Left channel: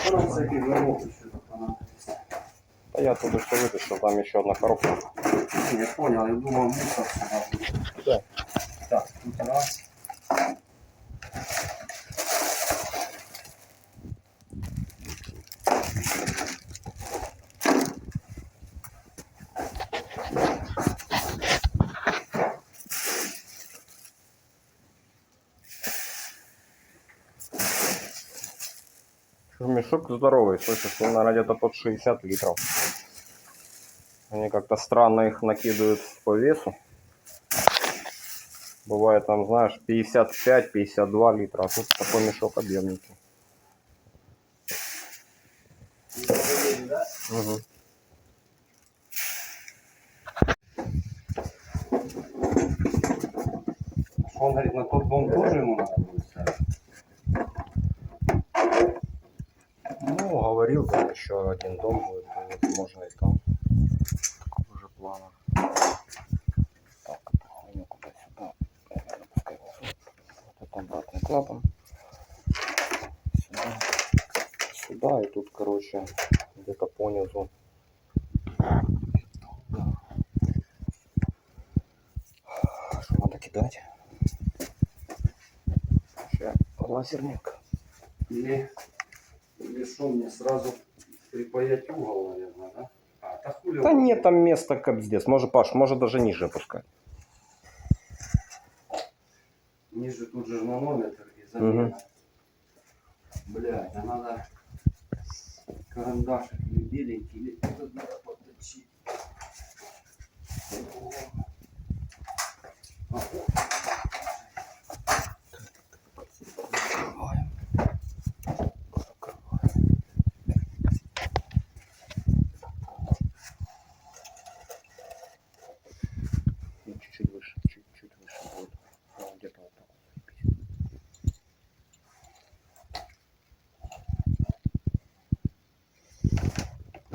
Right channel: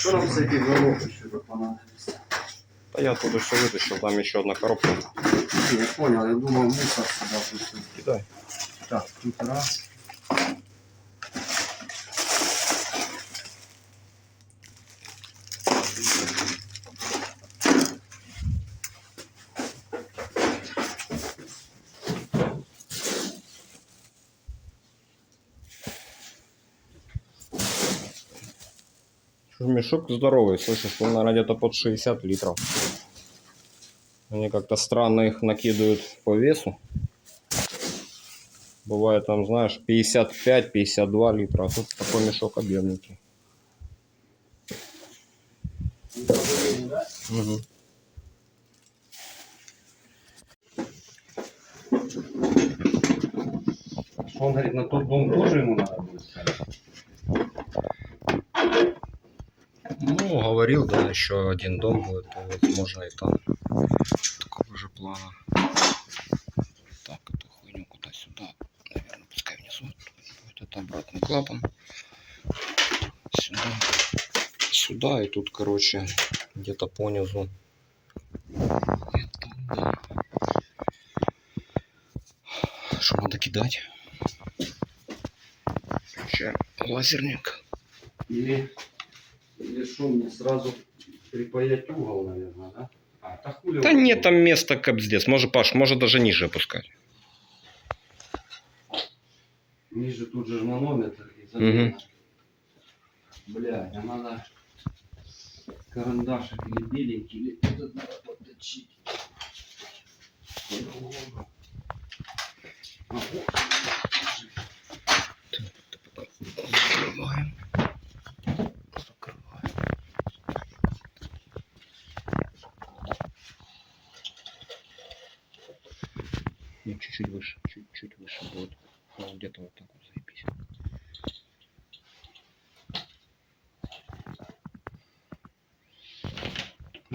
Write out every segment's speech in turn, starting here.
Что нам еще тут понадобится? Да я оттуда все вытащил, там еще одна коробка. Я понял, я думал мусор сюда будет. Кидай. Так, тут раз. Мешок здоровый, слышишь, он, наверное, где-то под 60 литров. Они как-то странно их накидывают по весу. Бывает там, знаешь, 55-52 литра, а тут такой мешок объемненький. Мгм. Он говорит, на тот дом тоже ему надо будет ставить. Ну, говорил, да, еще один дом будет, то вот можно и там. Такого же плана. Так, эту хуйню куда-сюда. Наверное, пускай внизу. будет это обратный клапан. Сюда. Сюда и тут, короче, где-то понизу. Да. Что надо кидать? Включаем лазерник. Или, или что мне сразу припаять угол, наверное, да? А, так хули Да нет там места капздец. Может, Паш, может даже ниже опускать. Ниже тут же манометр и замена. Блядь, а надо карандашик или беленький, или этот надо подточить. А, вот. Закрываем. Закрываем. Ну, чуть-чуть выше, чуть-чуть выше будет. Ну, где-то вот так вот заебись.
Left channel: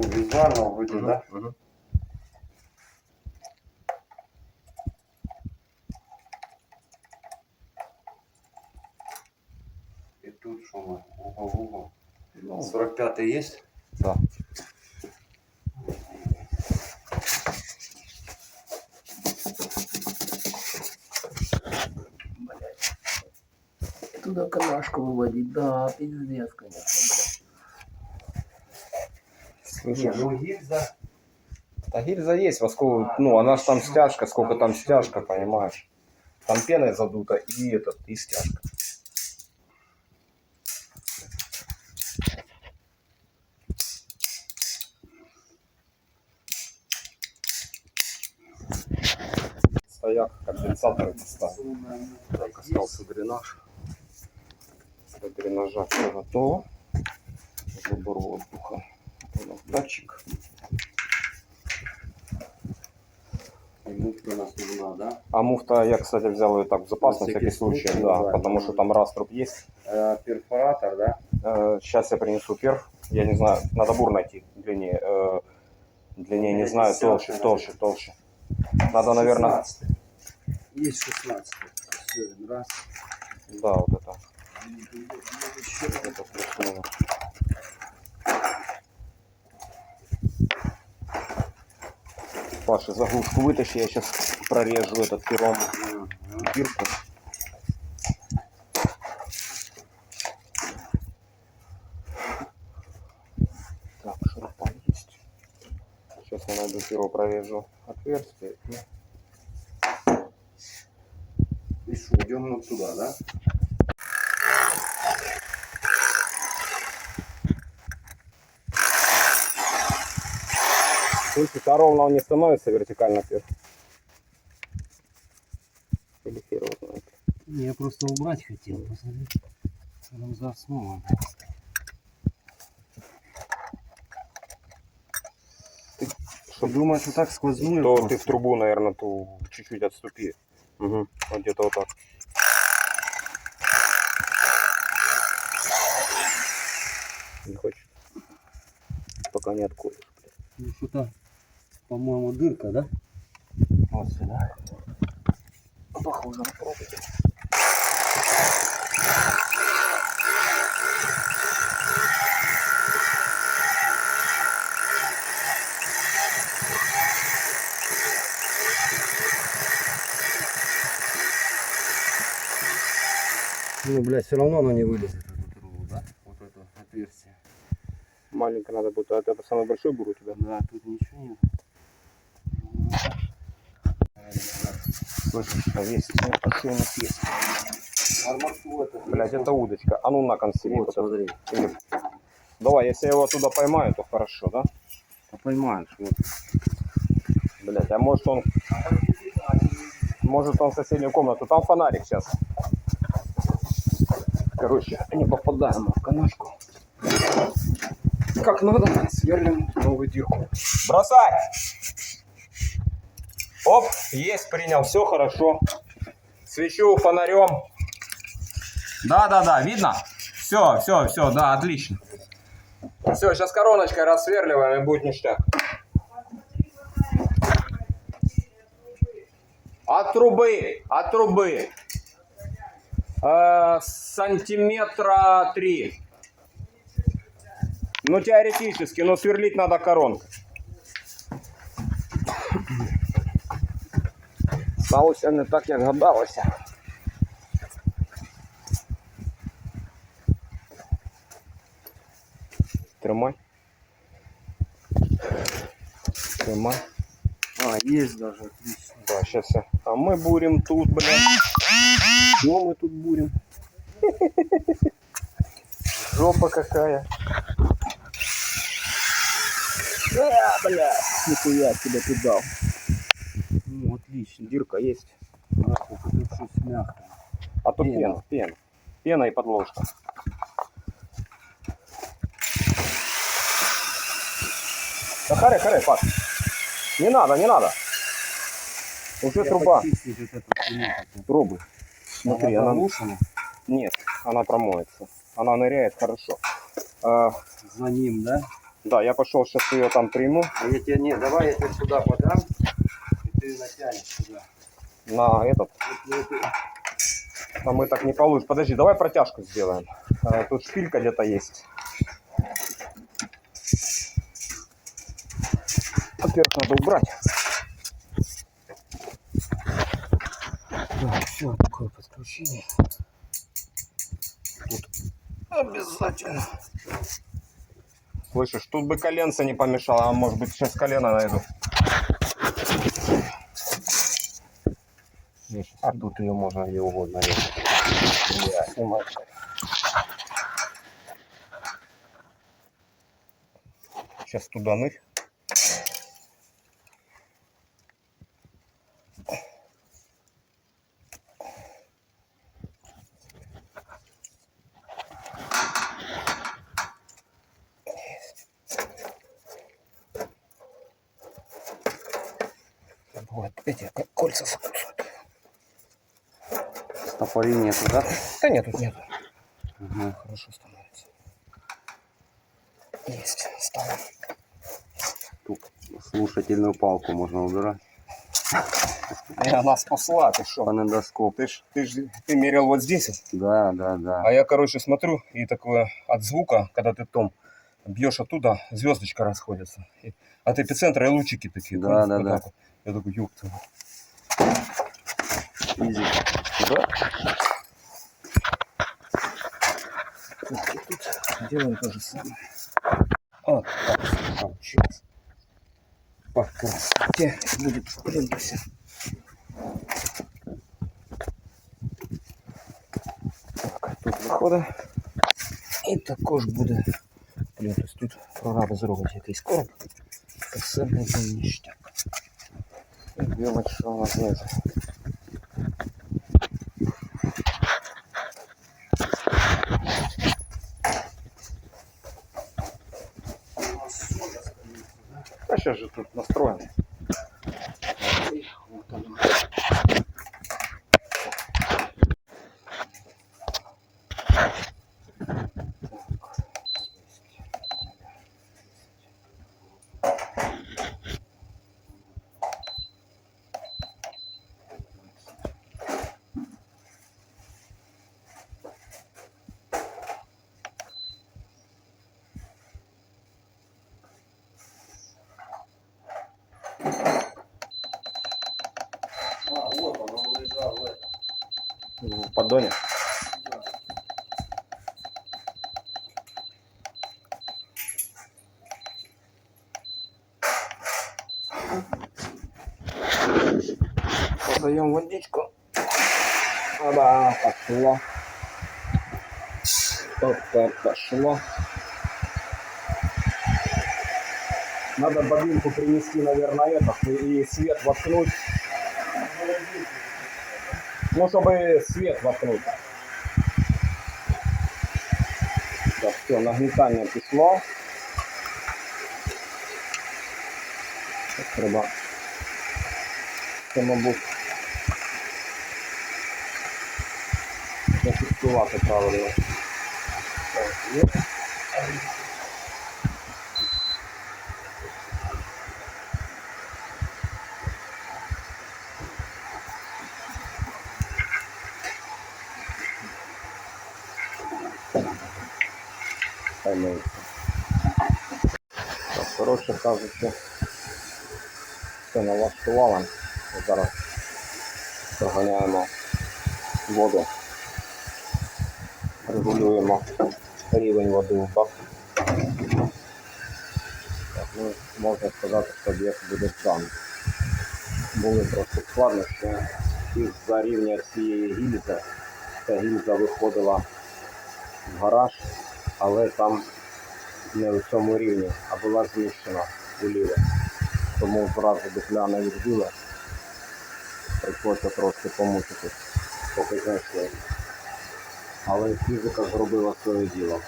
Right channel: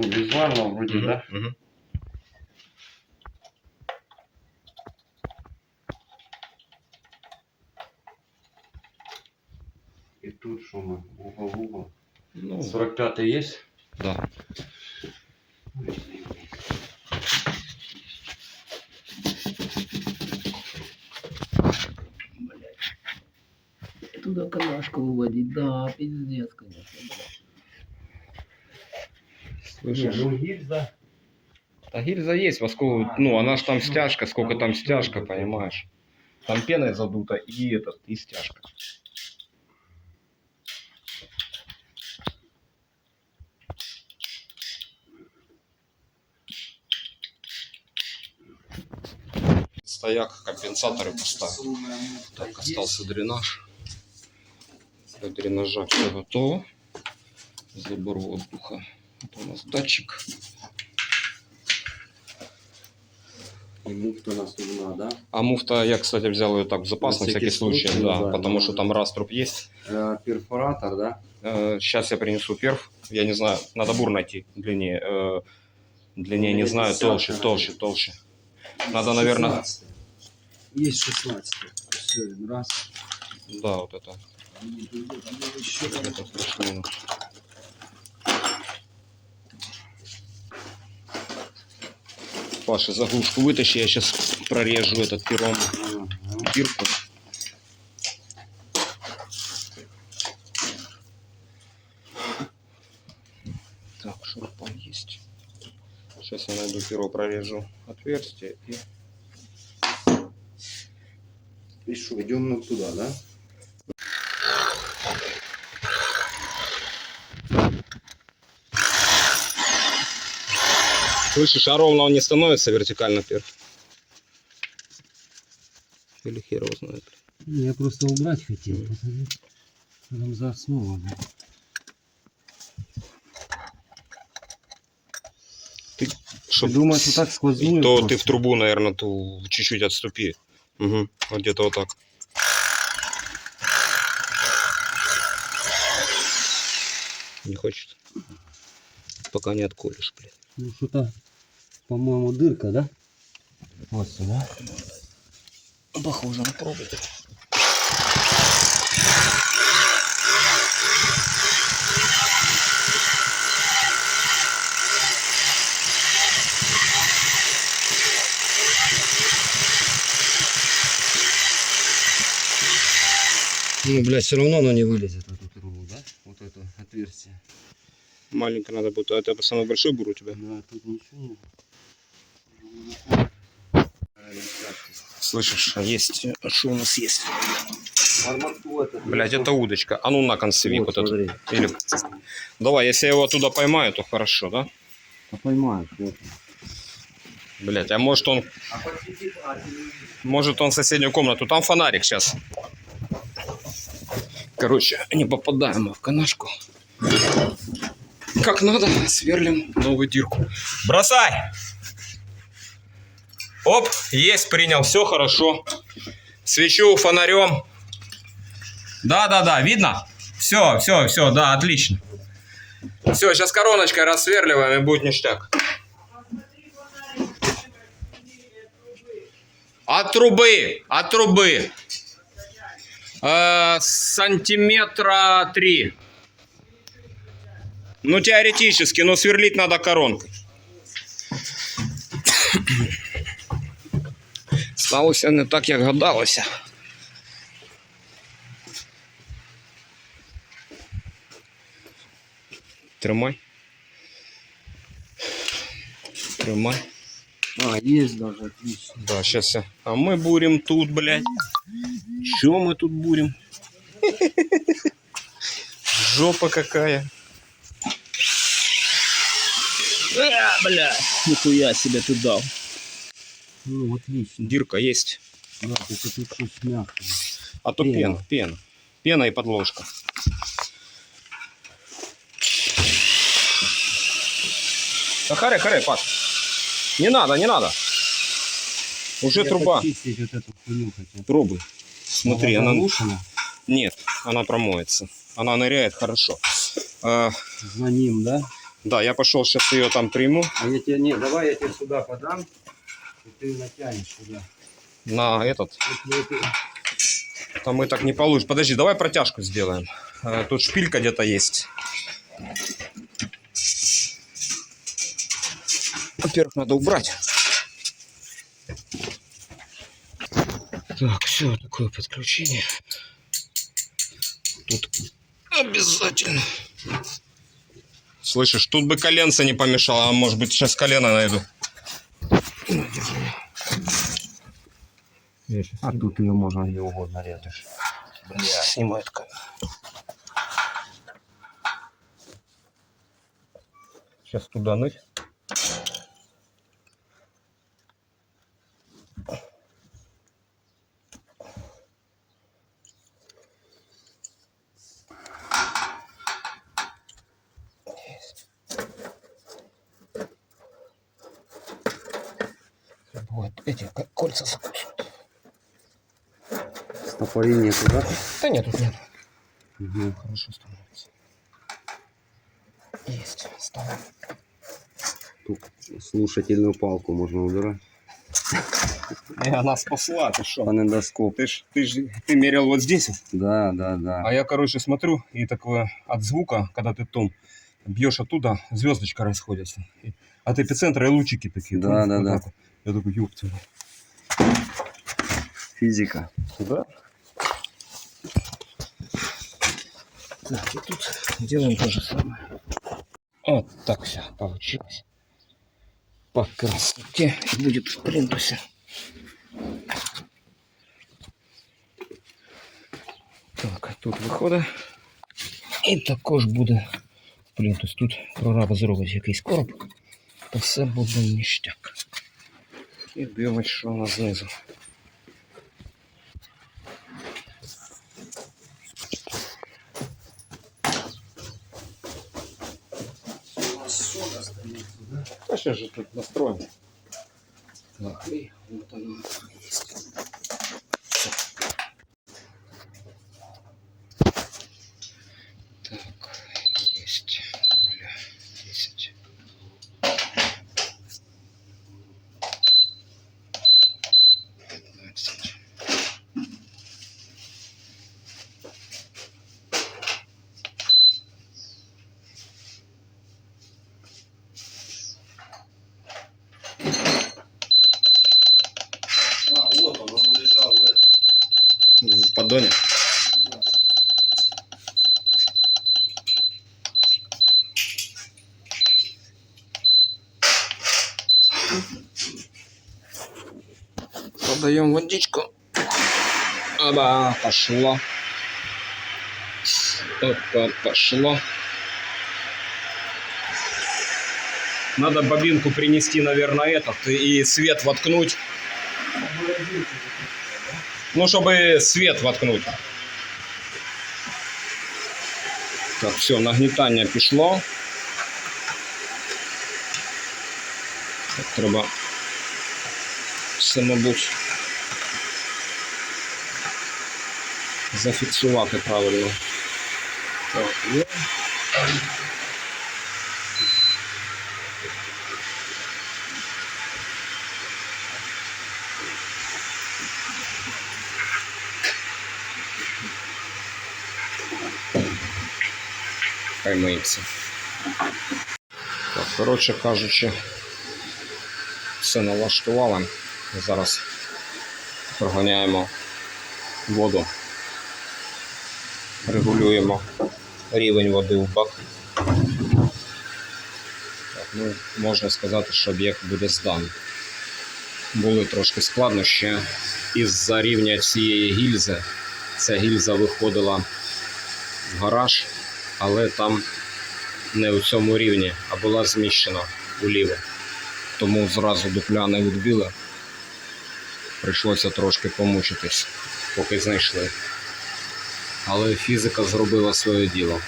Ну, визуально вроде, Мгм, да? мгм. И тут что мы, угол угол. Ну, 45 есть? да. Туда канашку выводить, да, пиздец, конечно, Слышишь? ну гильза. Да гильза есть, во сколько, ну, она ж там стяжка, сколько там стяжка, понимаешь? Там пеной задута и этот, и стяжка. Стояк, компенсаторы поставил. Так, остался дренаж. Для дренажа все готово. Забор воздуха. Это у нас датчик. И муфта у нас нужна, да? А муфта я, кстати, взял ее так в запас На на всякий случай, случай, да, да, потому да. что там раструб есть. Э, перфоратор, да? сейчас я принесу перф. Я не знаю, надо бур найти длиннее. э, длиннее не знаю, 50, толще, толще, толще. Надо, наверное, 16. Есть 16. Все, раз. да, вот это. Еще Это плюс-минус. Паша, заглушку вытащи, я сейчас прорежу этот пером бирку. Так, шурупан есть. Сейчас я найду перо, прорежу отверстие и И идем ну туда, да? Слышишь, а ровно он не становится вертикально перф? Или хер его знает. Не, я просто убрать хотел, посмотреть, что там за основа. Чтоб- Ты думаешь, и так сквозную? То просто? ты в трубу, наверное, ту чуть-чуть отступи. Угу. Вот где-то вот так. Не хочет. Пока не отколешь, блядь. Ну, Что-то, по-моему, дырка, да? Вот сюда. Похоже на пробу. Ну, блядь, все равно она не вылезет. Маленько надо будет. А это самый большой бур у тебя? Да, тут ничего. Слышишь, а есть. А что у нас есть? Блять, это удочка. А ну на концеви Вот, вот, этот. Или... Давай, если я его оттуда поймаю, то хорошо, да? А поймаешь, вот. Блять, а может он, А а, может он в соседнюю комнату. Там фонарик сейчас. Короче, не попадаем в канашку. Как надо, сверлим новую дырку. Бросай! Оп, есть, принял, все хорошо. Свечу фонарем. Да-да-да, видно? Все, все, все, да, отлично. Все, сейчас короночкой рассверливаем и будет ништяк. От трубы, от трубы. Э, сантиметра три. Ну, теоретически, но сверлить надо коронкой. Сталося не так, як гадалося. Тримай. Тримай. А, есть даже, отлично. Да, сейчас я. А мы бурим тут, блядь. Что мы тут бурим? Жопа какая. А, бля, нихуя себе ты дал. Ну, отлично. Дирка есть. Да. А то Пена. пена, пена. Пена и подложка. Да харе, харе, пас. Не надо, не надо. Уже Я труба. вот. Пробуй. Смотри, она... заглушена. Нет, она промоется. Она ныряет хорошо. А, За ним, да? Да, я пошел сейчас ее там приму. А я тебе, не, давай я тебе сюда подам, и ты натянешь сюда. На этот. Там мы так не получится. Подожди, давай протяжку сделаем. А, Тут шпилька где-то есть. Во-первых, надо убрать. Так, все, такое подключение. Тут обязательно. Слышишь, тут бы коленца не помешало, а может быть сейчас колено найду. А тут ее можно где угодно резать. Я снимаю колено. Сейчас туда нырь. Стопори нету, да? Да нет, тут нет. Угу. Хорошо становится. Есть, ставим. Тут слушательную палку можно убирать. Она спасла, ты что? Фонендоскоп. Ты ж, ты ж, ты мерил вот здесь, Да, да, да. а я, короче, смотрю, и такое от звука, когда ты том бьешь оттуда, звездочка расходится. От эпицентра и лучики такие. Да, понял? да, Вот да. так вот. Я такой, ёб твою Физика. Да. Так, и тут делаем то же самое. Вот так получилось. По красоте будет в плинтусе. Так, тут виходить. І також буде плінтус. Тут прораб зробить якийсь короб, то все буде ніштяк. І дивимось, що у нас знизу. А сейчас же тут настроим. ладони. Подаем водичку. Оба, пошло. Опа, пошло. Надо бобинку принести, наверное, этот и свет воткнуть. Ну, чтобы свет воткнуть. Так, все, нагнітання пішло. Треба все, зафіксувати правильно. Так, є. Хай миється. Так, коротше кажучи, все налаштували. Зараз проганяємо воду, регулюємо рівень води в бак. Так, ну, можна сказати, що об'єкт буде зданий. Були трошки складнощі із-за рівня цієї гільзи. Ця гільза виходила в гараж, але там не у цьому рівні, а була зміщена уліво. Тому зразу дупля не відбила. Прийшлося трошки помучитись, поки знайшли. Але фізика зробила своє діло.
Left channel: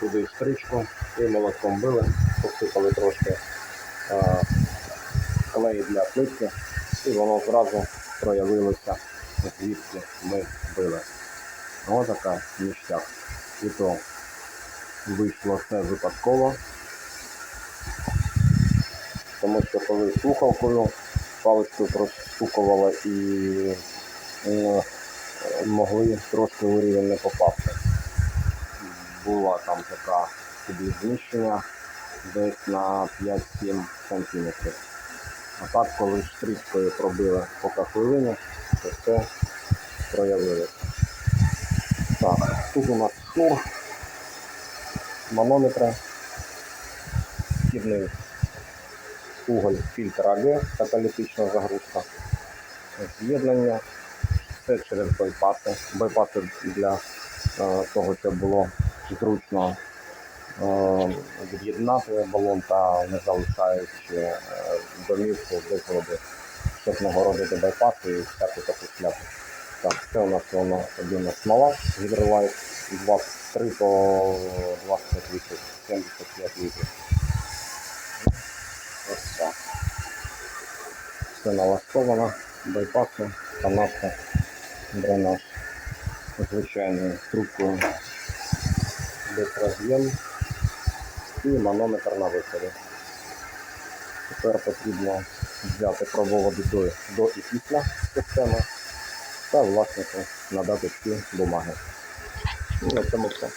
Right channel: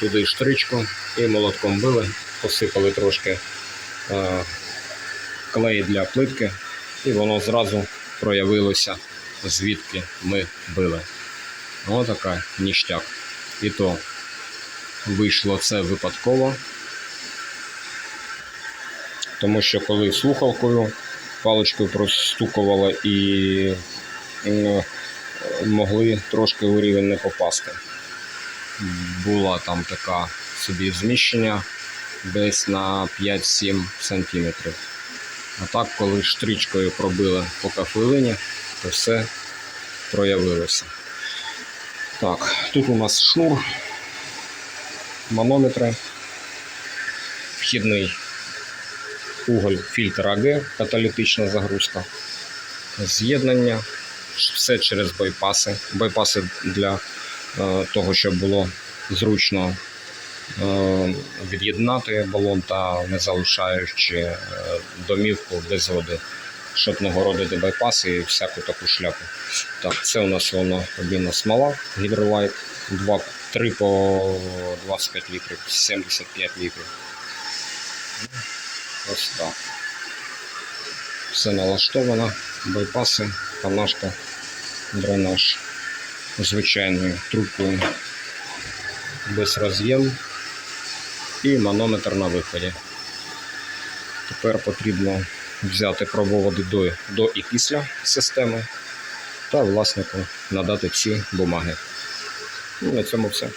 Туди штричку і молотком били, посипали трошки е, клей для плитки, і воно зразу проявилося, звідки ми били. Ось така ніштяк. І то вийшло це випадково. Тому що коли слухавкою паличкою простукувало і е, могли трошки у рівень не попасти. Була там така собі зміщення десь на 5-7 сантиметрів. А так, коли штричкою пробили по кафелині, то все проявилося. Так, тут у нас шнур, манометри, вхідний уголь фільтр АГ, каталітична загрузка, з'єднання, все через байпаси. Байпаси для е, того, щоб було зручно е, від'єднати балон та не залишаючи е, домівку без води, щоб не городити байпаси і всяку таку шляпу. Так, це у нас воно обмінна смола, гідролайт, 2, 3 по 25 літрів, 75 літрів. Ось так. Все налаштовано, байпаси, канашка, дренаж звичайною трубкою без роз'єм і манометр на виході. Тепер потрібно взяти пробувати до, до і після системи та власнику надати ці бумаги. І на цьому все.